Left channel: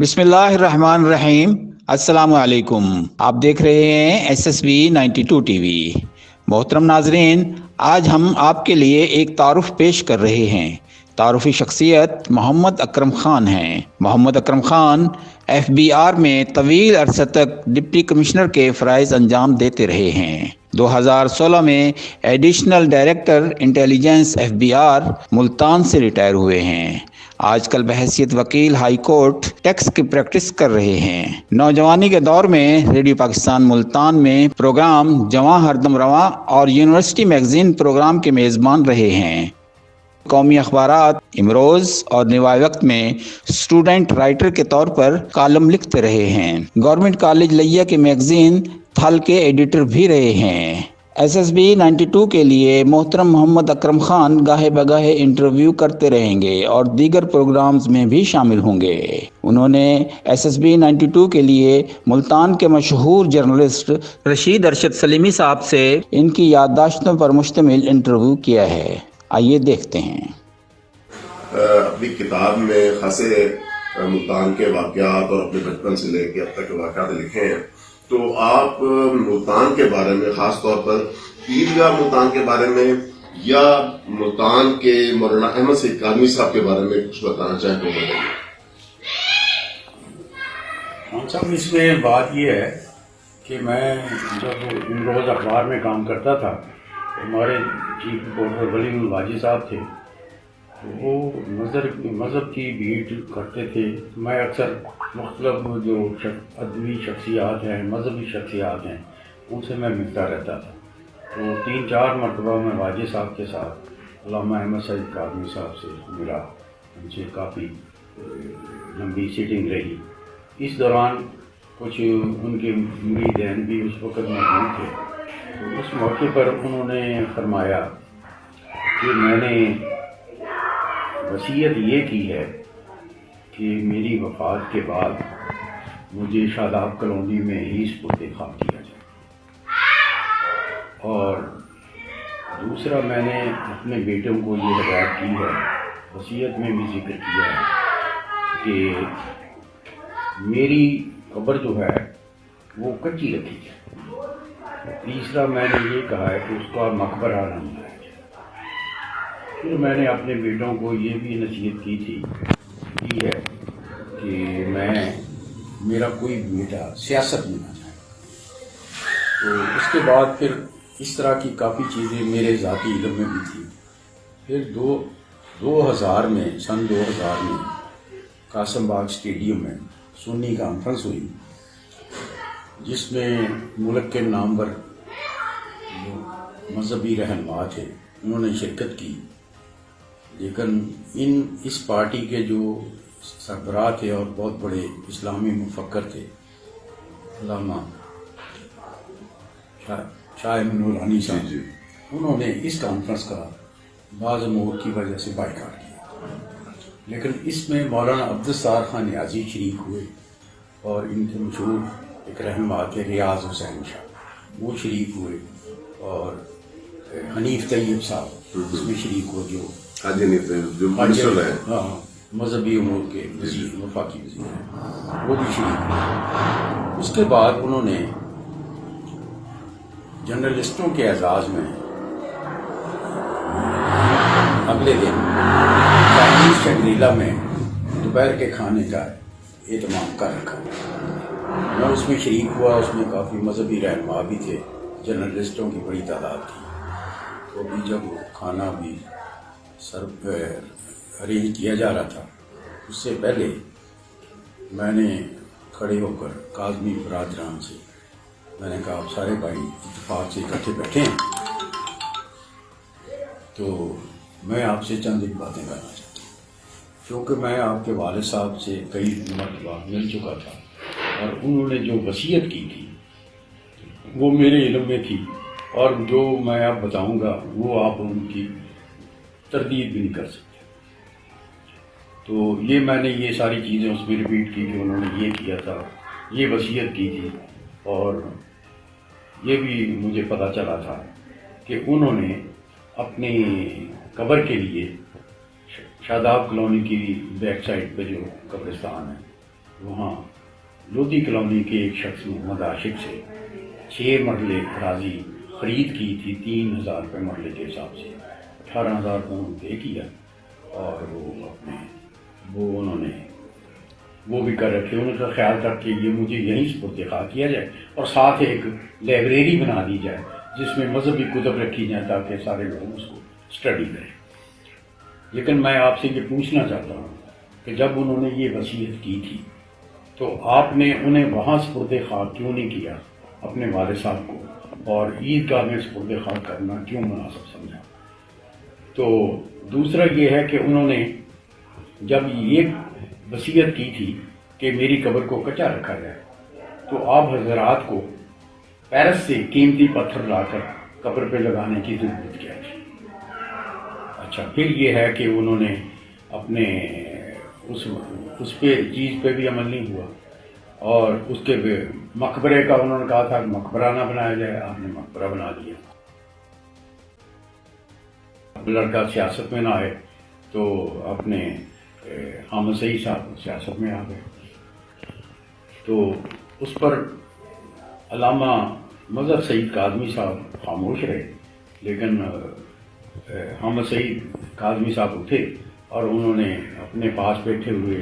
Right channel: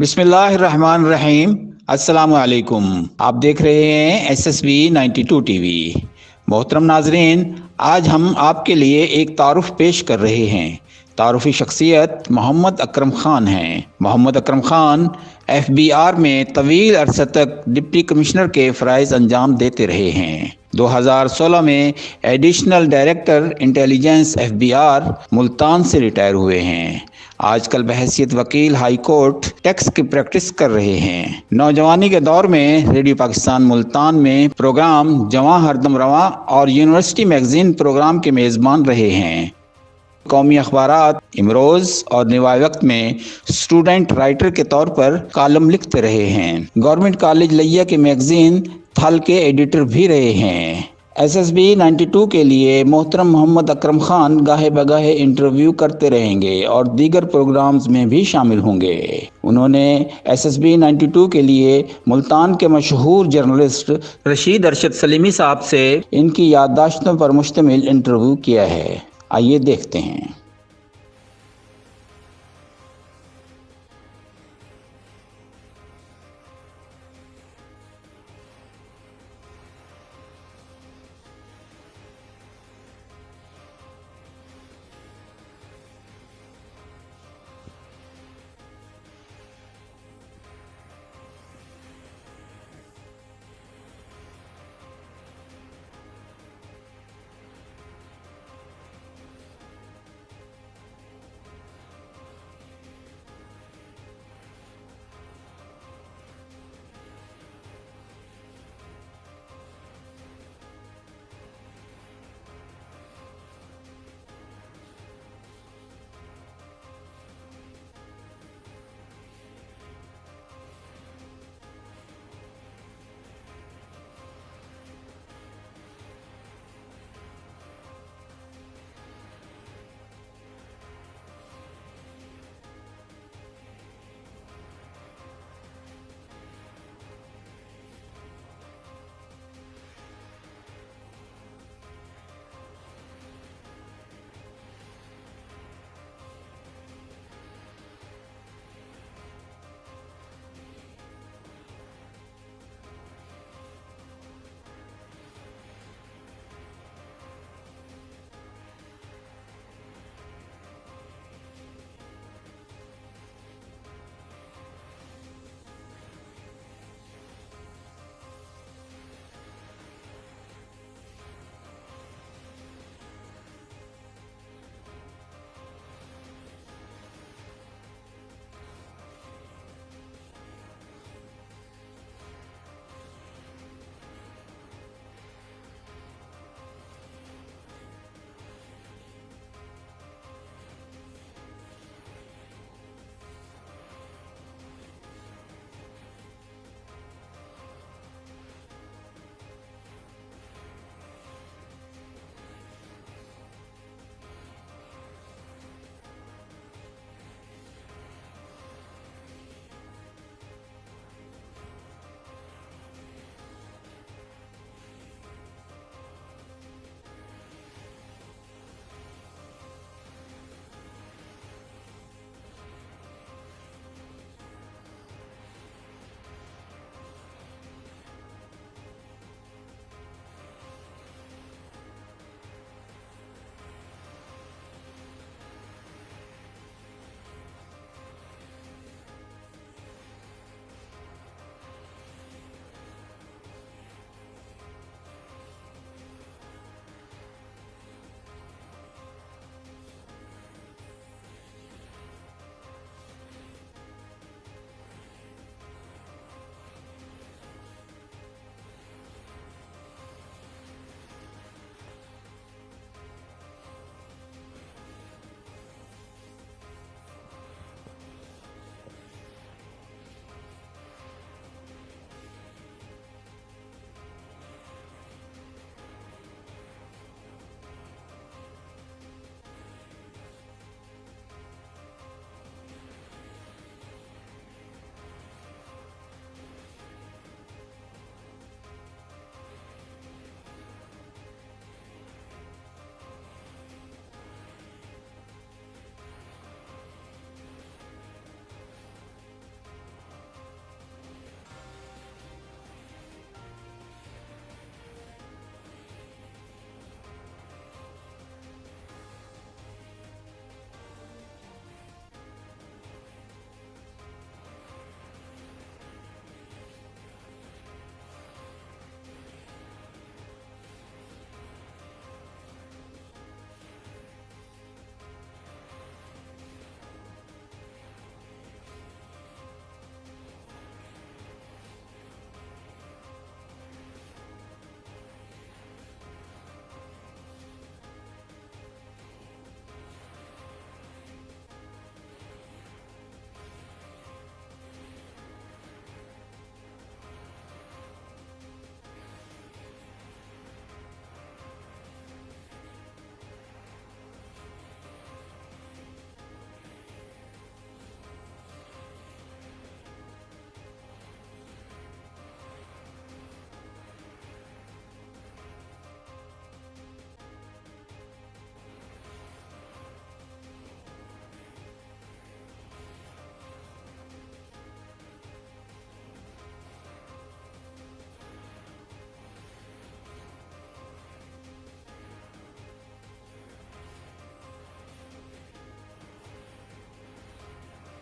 बिस्मिल्लाहिर्रहमानिर्रहीम। अस्सलाम वालेकुम। आप देख रहे हैं SSB 92 टीवी। मोहतरम नाजरीन, आज हम आपके लिए एक तारुफ पेश कर रहे हैं। तारुफी शख्सियत मोहम्मद अकरम खान हैं। मोहम्मद अकरम खान FBR में तवील अरसे तक डिप्टी कमिश्नर के फ़राइज़ अंजाम देते रहे हैं। 2016 में additional director intelligence FBR Multan से रिटायर हुए हैं। आजकल बहैसियत वकील हाई कोर्ट टैक्स की प्रैक्टिस कर रहे हैं। नौजवानी के दौर में रेडियो पाकिस्तान मुल्तान में प्रोग्राम जवां हरदम रवां और यूनिवर्सिटी मैगजीन प्रोग्राम के मेज़बान रहे हैं। कौमी अखबारात इमरोज़ और निवाए वक्त में स्टूडेंट राइटर के तौर पर कॉलम लिखते रहे हैं। गवर्नमेंट कॉलेज लिया के मैगजीन थल के एडिटर भी रहे हैं। SSB 92 के लिए मोहतरम मोहम्मद अकरम खान गाहे बगाहे इंटरव्यू करते रहेंगे और दीगर प्रोग्राम्स में भी शामिल होंगे। उन्होंने SSB 92 के लिए मुल्तान के मशहूर जर्नलिस्ट रशीद अरशद सलीमी साहब से इनकी याददाश्तों पर मुश्तमिल इंटरव्यू किया है। आइए देखते हैं। अपनी किताब में खासे मुल्तान के वाक़यात और अपने बचपन से लेकर अब तक के वाक़यात लिखे हैं, तो आप मुल्तान के बारे में, ख़ास तौर पर ईदगाह मुल्तान के बारे में या मुल्तान के मौलाना अहमद सईद कादमी साहब के बारे में कुछ बताना चाहें तो बताइए। हाँ साहब, इसमें बात यह है कि मैं जब इमरोज़ अखबार में काम करता था, हमारे चीफ रिपोर्टर वलीउल वाजी साहब थे, तो वो मज़हब की बीट करते थे। मैं अक्सर मुख्तलिफ जो अदबी शख्सियात हैं, मजहबी शख्सियात हैं, उनसे मैं मिलता रहता था। तो 3-4 मरतबा मैं वाजी साहब के साथ अल्लामा अहमद सईद कादमी साहब से मिला। उनसे काफ़ी लंबी सीटिंग रही। इस दौरान कुछ उनके मुरीदैन भी उस वक़्त मौजूद थे। तो उस मौके पर उन्होंने फरमाया कि मैंने वसीयत ये की है कि मेरी वफ़ात के बाद मुझे शादाब कॉलोनी में ही सुपुर्द खाक किया जाए। और दूसरा, मैंने अपने बेटों को ये हिदायत की है, वसीयत में भी जिक्र किया है कि मेरी कब्र जो है वो कच्ची रखी जाए। तीसरा, मैंने ये कहा है कि उसका मकबरा न बनाया जाए। फिर मैंने अपने बेटों को ये भी नसीहत की है कि मेरा कोई बेटा सियासत में ना जाए। तो उसके बाद फिर इस तरह की काफ़ी चीज़ें मेरे ज़ाती इल्म में भी थी। फिर 2000 में सन 2000 में कासम बाग स्टेडियम में सुन्नी कॉन्फ्रेंस हुई, जिसमें मुल्क के नामवर मजहबी रहनुमा थे, उन्होंने शिरकत की। लेकिन इस पार्टी के जो सरबराह थे और बहुत बड़े इस्लामी मुफक्कर थे, अल्लामा शाह नूरानी साहब, उन्होंने इस कॉन्फ्रेंस का बाज़ अमूर की वजह से बायकॉट किया। लेकिन इसमें मौलाना अब्दुस्तार खान नियाज़ी शरीक हुए और इनके मशहूर एक रहनुमा थे रियाज हुसैन शाह, वो शरीक हुए, और हनीफ तैयब साहब इसमें शरीक हुए, जो मजहबी उमूर के वफाकी वज़ीर हैं, वो भी शरीक हुए। उसके बाद उन्होंने जर्नलिस्टों के एजाज़ में अगले दिन चाइनीज़ शंग्रीला में दोपहर के खाने का एहतमाम कर रखा। मैं उसमें शरीक हुआ। उसमें काफ़ी मजहबी रहनुमा भी थे, जर्नलिस्टों की बड़ी तादाद थी। तो अभी जब खाना भी अरेंज किया जा रहा था, उससे पहले मैंने खड़े होकर काज़मी बरादरान से मैंने कहा, आप सारे भाई इत्तेफाक से इकट्ठे बैठे हैं, तो मैं आपसे चंद एक बातें करना चाहता हूँ। क्योंकि मैं आपके वालिद साहब से कई मरतबा मिल चुका था और उन्होंने जो वसीयत की थी वो मेरे इल्म में थी, और जो मैं अब बताऊंगा वो आप उनकी तरदीद भी नहीं कर सकते। तो ये मैंने ये सारी चीज़ें उसमें रिपीट की कि उन्होंने ये किया था, ये वसीयत की थी। और ये भी मुझे पता चला था कि उन्होंने अपनी कब्र के लिए शादाब कॉलोनी की बैक साइड पे जो कब्रिस्तान है वहाँ लोधी कॉलोनी के एक शख्स मोहम्मद आशिक से 6 मरले अराजी ख़रीद की थी 3,000 रुपये मरले के हिसाब से। 18,000 को पे किया और वो उन्होंने वो भी कर रखे। उन्होंने तो ख्याल था कि ये मुझे यहीं सुपुर्द-ए-खाक किया जाए और साथ एक लाइब्रेरी बना दी जाए जिसमें मजहबी कुतुब रखी जाए ताकि सारे लोग उसको स्टडी करें। लेकिन मैं आपसे ये पूछना चाहता हूँ कि जब उन्होंने ये वसीयत की थी तो आपने उन्हें वहाँ सुपुर्द-ए-खाक क्यों नहीं किया अपने वालिद साहब को, और ईदगाह में सुपुर्द-ए-खाक करना क्यों मुनासिब समझा? तो दूसरा ये है कि उन्होंने जब ये वसीयत की थी कि मेरी कब्र को कच्चा रखा जाए तो आप हजरात को पेरिस से कीमती पत्थर लाकर कब्र पे लगाने की ज़रूरत क्या थी? अच्छा, फिर ये है कि उन्होंने अपने उस पे चीज़ पे भी अमल नहीं हुआ और उसके मकबरे का उन्होंने कहा था मकबरा ना बनाया जाए, आपने मकबरा बना दिया। लड़का सियासत में ना आए तो अपने हामिद सईद साहब सियासत में आ गए, तो उस पर अल्लामा मजहर सईद काज़मी साहब खामोश रहे। लेकिन हामिद सईद काज़मी साहब उठे और उन्होंने अपने पास बैठे हुए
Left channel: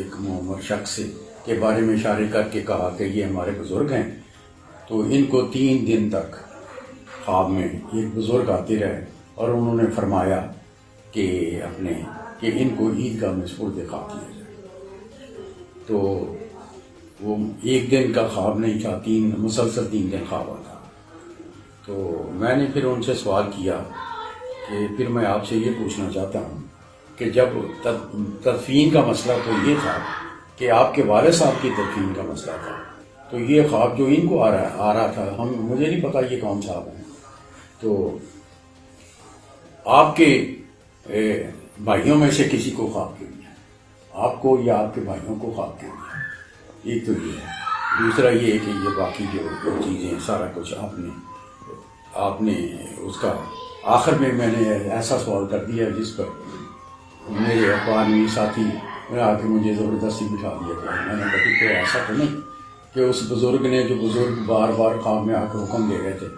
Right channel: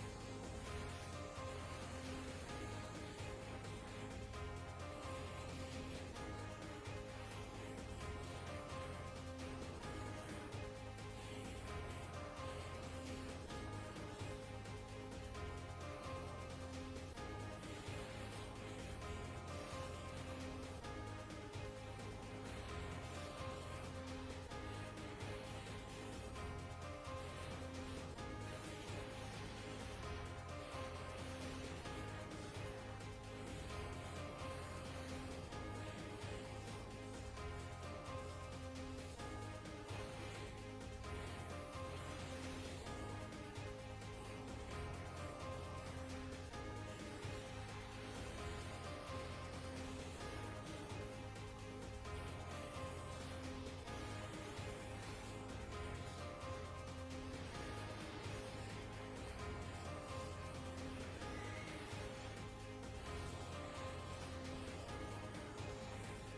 एक मोहम्मद शख्स के बारे में इशारे करके कहा कि ये हमारे बुज़ुर्ग हैं। तो इनको 3 दिन तक ख्वाब में एक बुज़ुर्ग आते रहे और उन्होंने फरमाया कि इनको ईदगाह में सुपुर्द-ए-खाक किया जाए। तो वो एक दिन का ख्वाब नहीं था, मुसलसल 3 दिन ख्वाब आता। तो मैंने फिर उनसे सवाल किया कि फिर मैं आपसे ये पूछना चाहता हूँ कि जब तदफीन का मसला तो ये था कि आपके वालिद साहब की तदफीन का मसला था, तो ये ख्वाब जो इनको आ रहा था, मुझे नहीं पता ये कौन साहब हैं, तो आपके भाइयों में से किसी को ख्वाब क्यों नहीं, आपको या आपके भाइयों को ख्वाब क्यों नहीं? एक तो ये है। दूसरा ये है कि ये बाकी जो चीज़ें सारा कुछ आपने उसका आखिर में मैंने ऐसा सवाल कर दिया जिस पर मेरे अखबारी साथी ने आके मुझे ज़बरदस्ती बिठा दिया था। मैंने कहा तो ऐसा तो नहीं कि उस बुज़ुर्ग ने जो बुज़ुर्ग बार बार ख्वाब में आकर हुक्म दे रहे थे,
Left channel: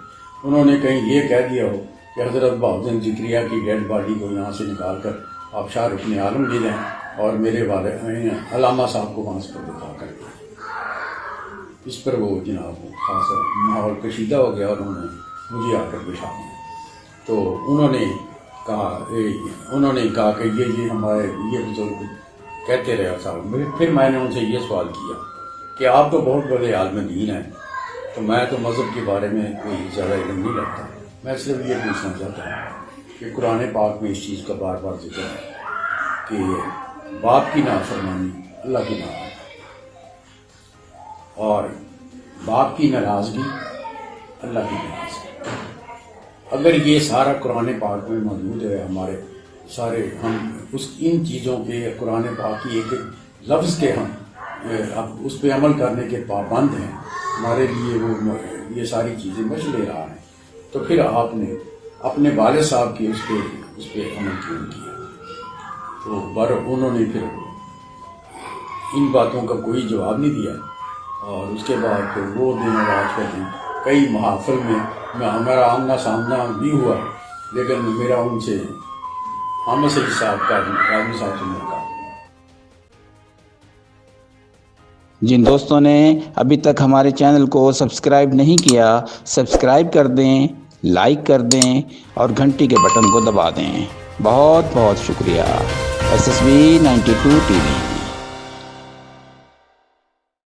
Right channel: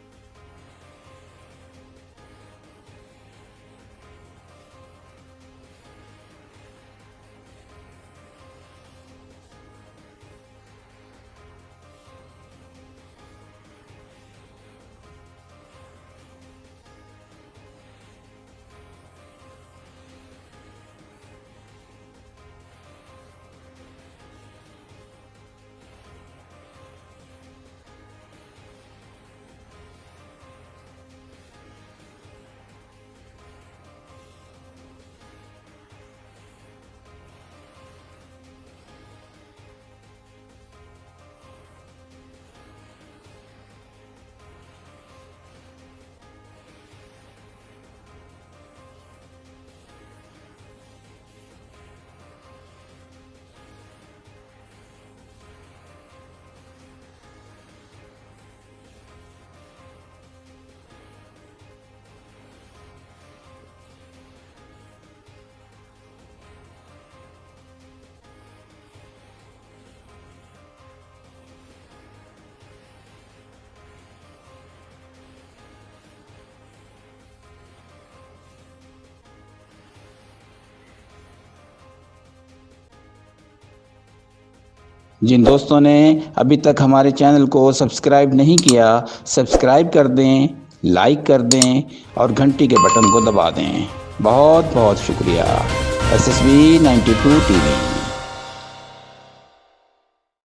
उन्होंने कहीं ये कह दिया हो कि हज़रत बहाउद्दीन ज़िक्रिया की डेड बॉडी को यहाँ से निकाल कर आप शाह रुकन आलम ले जाएँ और मेरे वाले अल्लामा साहब को वहाँ से दिखा कर दिया। इस पर वो जनाब खासा माहौल कशीदा हो गया और उन्होंने मुझे आकर बिठा दिया। तो उन्होंने कहा कि ये हमारे ये बुजुर्ग कहते रहे साहब। फिर मैंने उनसे ये सवाल किया कि आप तो बहुत बड़े आलिम दीन हैं, तो मैं तो मज़हब के बारे में कोई ज़्यादा इल्म नहीं रखता, मैं सिर्फ ये पूछना चाहता हूँ कि कुरान पाक में इस चीज़ का बार बार जिक्र है कि बाप की नाफरमानी अल्लाह की नाफरमानी और बाप की नाराज़गी अल्लाह की नाराज़गी। अगर ये सारा कुरान पाक में मौजूद है, हमारे सारे हम इन चीज़ों के कुरान पाक की एक लफ्ज़ के हम अब उस पर अमल करने के पाबंद हैं, हमारे लिए वो ये सारी चीज़ें बच ले रहा है, तो फिर आपने अपने वालिद साहब की उस पर अमल क्यों किया? तो पर उन्होंने फिर इन बातों का कोई जवाब नहीं दिया और उसके बाद फिर वो दिन और आज का दिन कई महाफिल में हमारा आमना सामना भी हुआ, लेकिन मेरा उनसे हामिद सईद साहब काज़मी साहब से मिलकर। जिन दोस्तों ने अभी तक हमारे चैनल को सब्सक्राइब नहीं किया, सब्सक्राइब कर दें, लाइक कर दें और घंटी के बटन को दबा दें। बहुत बहुत शुक्रिया। SSB 92 TV।